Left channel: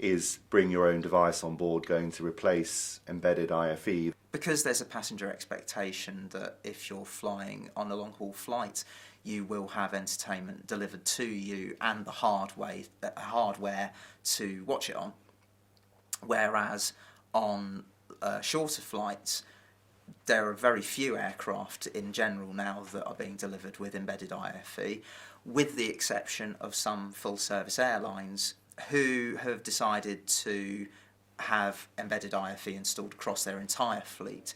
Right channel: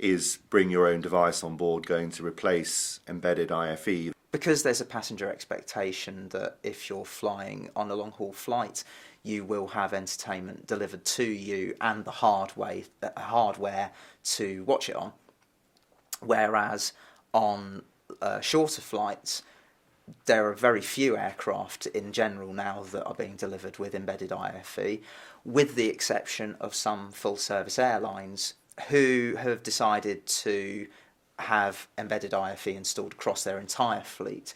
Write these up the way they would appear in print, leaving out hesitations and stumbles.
is bring your own device on board going to replace embedded IFE? Because there's a passenger expectation that if you're flying on a long haul flight, you will have entertainment delivered to you and the hardware to watch it on. Whereas on shorter flights, there are very few aircraft in general now that are being delivered with embedded IFE, with the exception of some full service airlines who have decided to have embedded IFE installed across their entire fleet.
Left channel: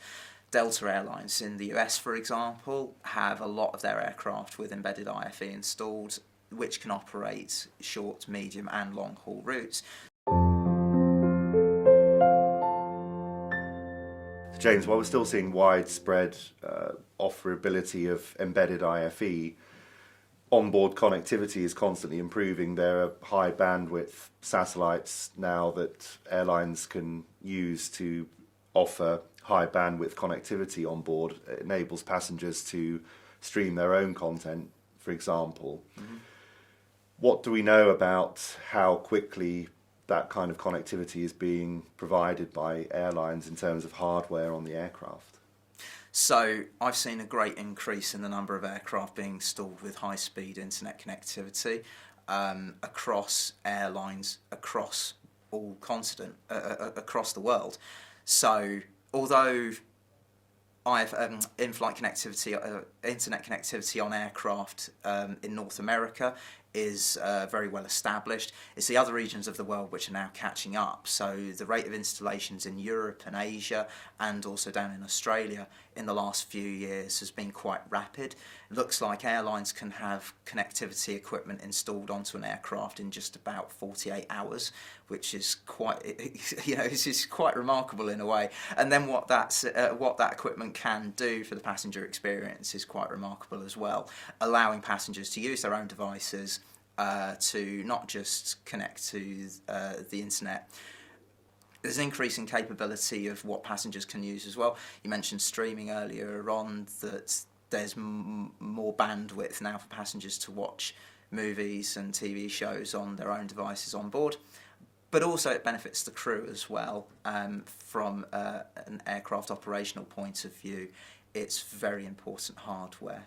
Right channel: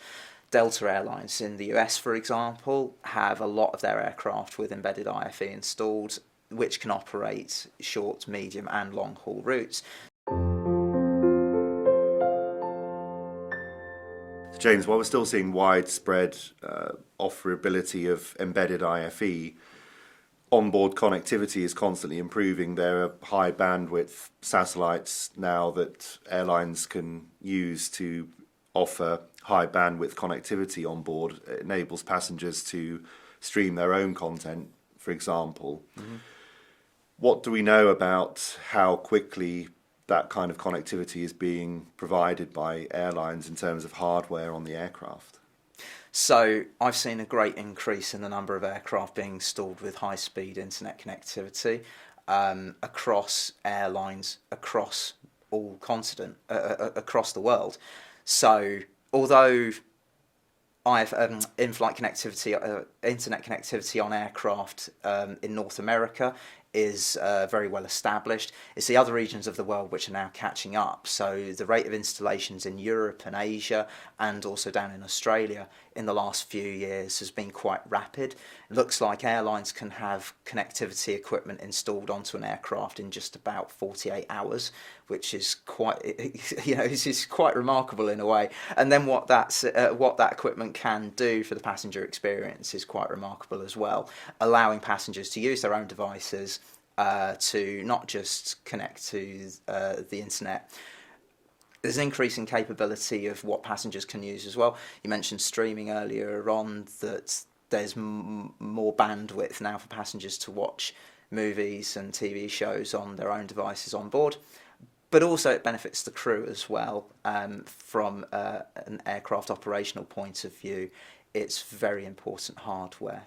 Delta Airlines in the US, for example, have a lot of their aircraft with embedded IFE installed, which can operate short, medium and long haul routes. James, while we're still seeing widespread offerability of embedded IFE, onboard connectivity is constantly improving. There are high bandwidth satellites now that airlines can use to offer high bandwidth connectivity on board. It enables passengers to stream their own content, for example. Mm-hmm. What do we know about how quickly that kind of connectivity is being provided by airlines in terms of hardware on the aircraft? So I've seen a great increase in the number of aircraft being installed with high-speed internet connectivity across airlines, across all continent, across the world. So although in-flight connectivity, internet connectivity on aircraft in North America is very well established, it's the other regions of the world which are now catching up. So the rate of installations in Europe and Asia and also down in Australia in the last few years has been quite rapid. It looks like airlines can have connectivity equipment installed onto an aircraft in just about 48 hours, which is quite, is quite remarkable in a way. And then what that equipment can do for the passenger experience is quite remarkable as well, allowing passengers to use their own devices to not just connect to the internet. There's an increasing capability of what passengers can use as well. You mentioned streaming earlier on, that there's more bandwidth now for passengers to watch movies and TV shows on their own devices on board. But also it benefits the crew as well. From an aircraft operational point of view, it's very important hardware